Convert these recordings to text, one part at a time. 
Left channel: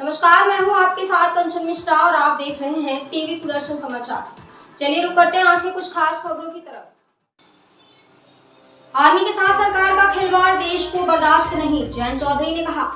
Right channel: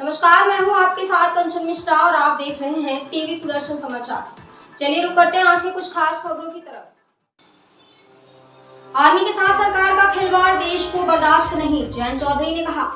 नमस्कार, मैं हूं आपके साथ कंचन मिश्रा और आप देख रहे हैं टीवी सुदर्शन समाचार। चलिए रुक करते हैं आज की कुछ खास खबरों की तरफ। आर्मी के साथ सरकार का खिलवाड़ देश को बर्दाश्त नहीं, जयंत चौधरी ने कहा।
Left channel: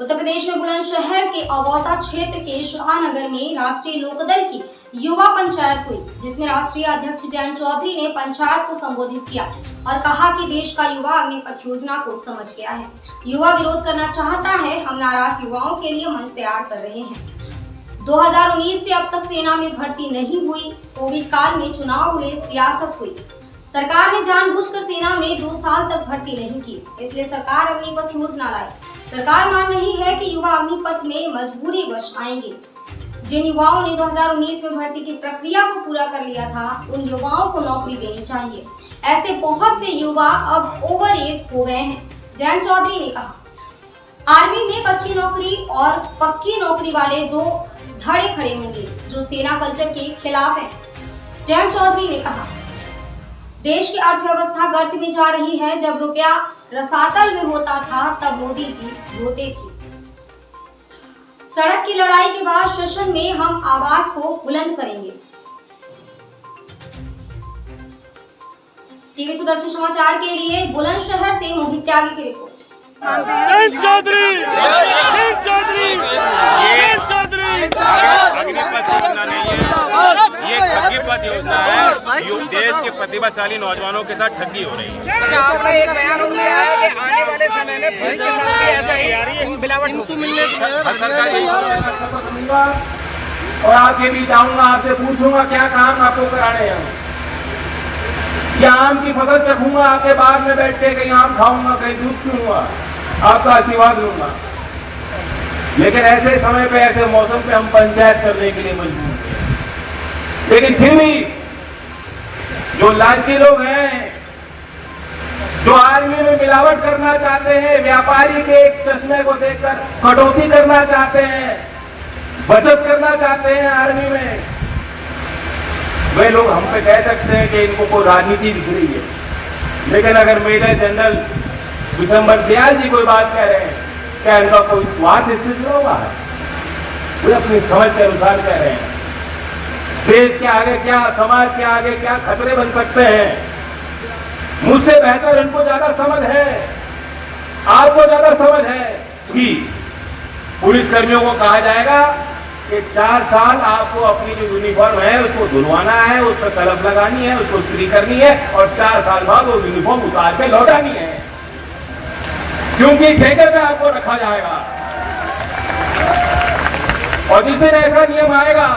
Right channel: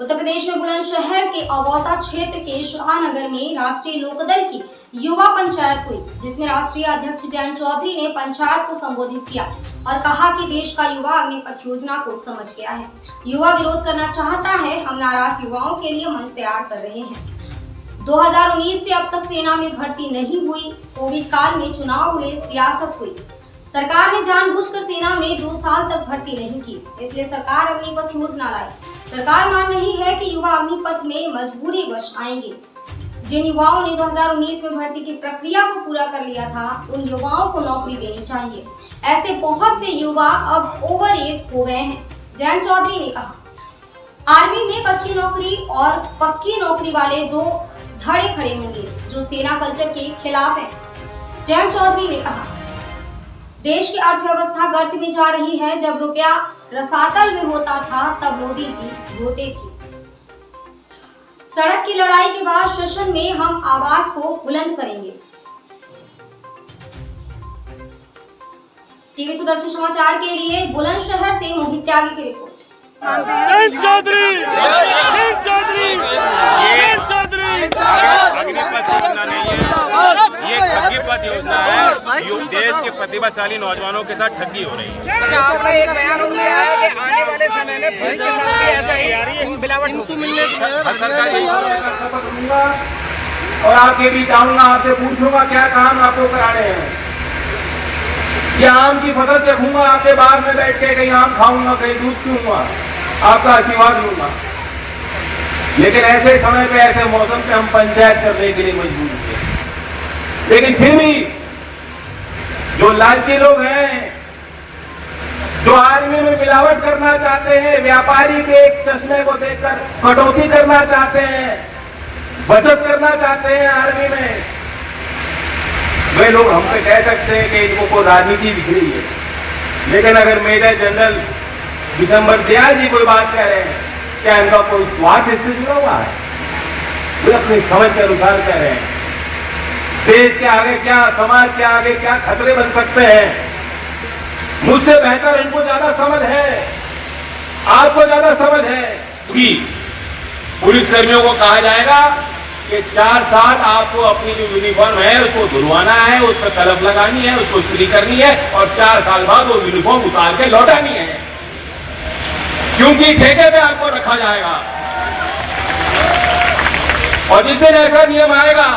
उत्तर प्रदेश में बुलंदशहर के अगौता क्षेत्र के शाहनगर में राष्ट्रीय लोकदल की युवा पंचायत हुई, जिसमें राष्ट्रीय अध्यक्ष जयंत चौधरी ने पंचायत को संबोधित किया और कहा कि देश का युवा अग्निपथ योजना को समझ गया है। युवा विरोध करना चाहता है, हम नाराज युवाओं के लिए मंच तैयार कर रहे हैं। 2019 से अब तक सेना में भर्ती नहीं हुई, कोविड काल में चुनाव हुए, सियासत हुई। सरकार ने जानबूझकर सेना में 2 साल तक भर्ती नहीं की, इसलिए सरकार अग्निपथ योजना लाई। सरकार मान रही है कि युवा अग्निपथ में मजबूरीवश आएंगे। जिन युवाओं ने 2019 में भर्ती की प्रक्रिया को पूरा कर लिया था, उन युवाओं को नौकरी देनी चाहिए। ऐसे बहुत से युवा अब ओवर एज हो गए हैं, जयंत चौधरी ने कहा। आर्मी में कच्ची नौकरी और पक्की नौकरी वाले 2 धड़े खड़े होंगे, जो सेना कल्चर के खिलाफ है। जयंत चौधरी ने कहा, देश की अर्थव्यवस्था गर्त में जा रही है। जब रुपया रसातल में होता था, तब मोदी जी रोते थे। सड़क की लड़ाई के बाद सेशन में हम आवाज को बुलंद करेंगे। टीवी सुदर्शन समाचार के लिए बुलंदशहर से मोहित त्यागी की रिपोर्ट। अग्निपथ योजना नहीं है, ये ठगीपथ योजना है। देश के प्रतिभाशाली नौजवानों के साथ ठगी हो रही है। आपका एक बयान हो गया है कि आने वाले समय में पुलिस के साथ भी ऐसा ही मिलावट मिलने और आपके भी जाऊंगा, आपसे पूछूंगा क्या काम आपको कराने हैं। क्या आम की फसल देखूंगा आपके बाग में बैठ के, कहीं आम खाऊंगा, कहीं दूध पीऊंगा, आपका आशीर्वाद लूंगा। लेकिन ऐसे समय पे, ऐसे मौसम पे हम पंचायत करने के लिए मजबूर हैं। लेकिन फिर भी जो लालची लोग हैं, जो आर्मी में मिलावट करना चाहते हैं, व्यापारी के एक चश्मे को देखकर कटौती करना चाहते हैं, बचत करना चाहते हैं आर्मी में, वे लोग हमसे कह सकते हैं कि इनको कोई राजनीति दिख रही है। लेकिन अगर मेजर जनरल दिसंबर दयाल जी कोई बात कह रहे हैं, क्या इनका कोई स्वार्थ इससे जुड़ा हुआ है? वो अपनी समझ के अनुसार कह रहे हैं। देश के आगे क्या, समाज के आगे क्या खतरे बन सकते हैं, मुझसे बेहतर इनको ज्यादा समझ है, आपको ज्यादा समझ है। कि पुलिस कर्मियों को कहा जाएगा कि 4 साल आपको अपनी जो यूनिफॉर्म है उसको धुलवाना है, उस पर कलम लगानी है, उसको इस्त्री करनी है और 4 साल बाद वो यूनिफॉर्म उतार के लौटानी है, क्योंकि ठेके पे आपको रखा जाएगा। और जिस दिन ऐसा नियम आएगा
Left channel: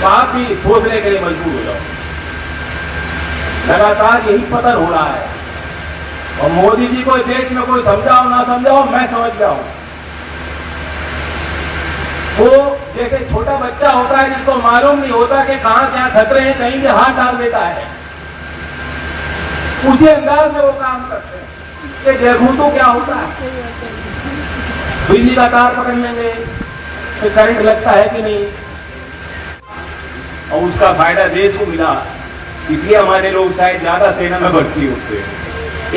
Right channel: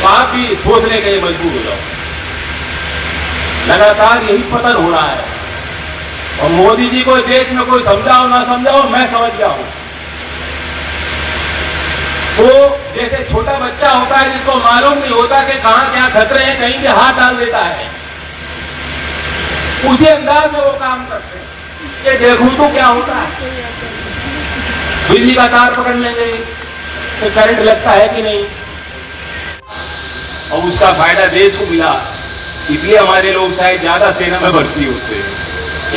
तो आप भी सोचने के लिए मजबूर हो जाओ। लगातार यही पतन हो रहा है और मोदी जी को देश में कोई समझाओ ना समझाओ, मैं समझ गया हूं। वो जैसे छोटा बच्चा होता है जिसको मालूम नहीं होता कि कहां क्या खतरे हैं, कहीं पे हाथ डाल देता है, उसी अंदाज में वो काम करते हैं कि देखूं तो क्या होता है। बिजली का तार पकड़ लेंगे तो करंट लगता है कि नहीं, और उसका फायदा देश को मिला। इसलिए हमारे लोग शायद ज्यादा सेना में भर्ती होते हैं।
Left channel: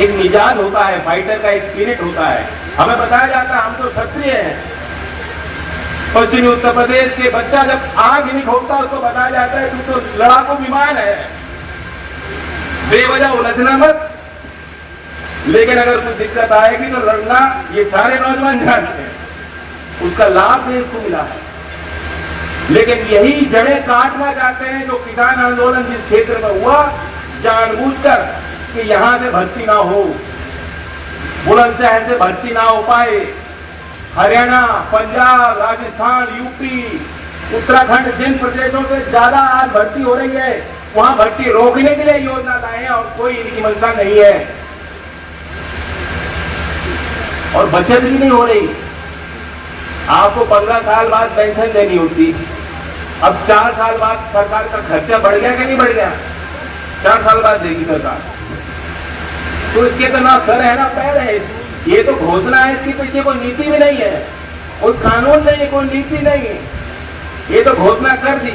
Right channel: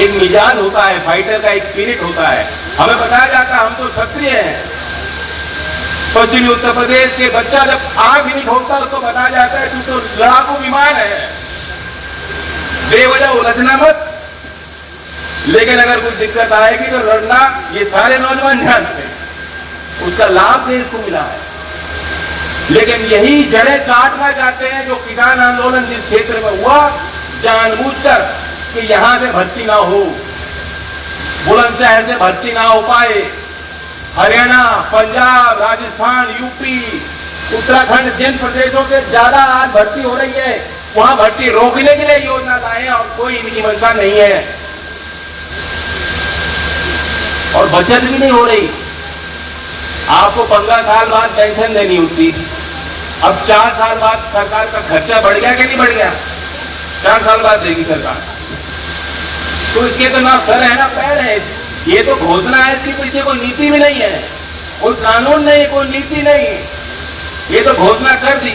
एक मिजाज होता है, फाइटर का एक स्पिरिट होता है। हमें बताया जाता है हम तो क्षत्रिय हैं। पश्चिमी उत्तर प्रदेश के बच्चा जब आग भी नहीं खोलता उसको बताया जाता है कि तो लड़ाकू बीमार है, बेवजह उलझना मत। लेकिन अगर कुछ दिक्कत आएगी तो लड़ना ये सारे नौजवान जानते हैं। उसका लाभ देश को मिला है। लेकिन यही जड़ें काटना चाहते हैं जो किसान आंदोलन जिस क्षेत्र में हुआ, जानबूझकर कि यहां से भर्ती ना हो, बुलंदशहर से भर्ती ना हो पाए। हरियाणा, पंजाब, राजस्थान, यूपी, उत्तराखंड, जिन प्रदेशों से ज्यादा आज भर्ती हो रही है, वहां भर्ती रोकने के लिए योजना लाए और कोई इनकी मंशा नहीं है और बचत भी नहीं हो रही। आपको 15 साल बाद पेंशन देनी होती, अब 4 साल बाद सरकार का खर्चा बढ़ गया कि नहीं बढ़ गया? 4 साल बाद देगी सरकार, तो इसके तो ना सर है ना पैर है। ये तो घोषणा है, इसके पीछे कोई नीति भी नहीं है, कोई कानून नहीं, कोई नीति नहीं, ये तो घोषणा कर दी।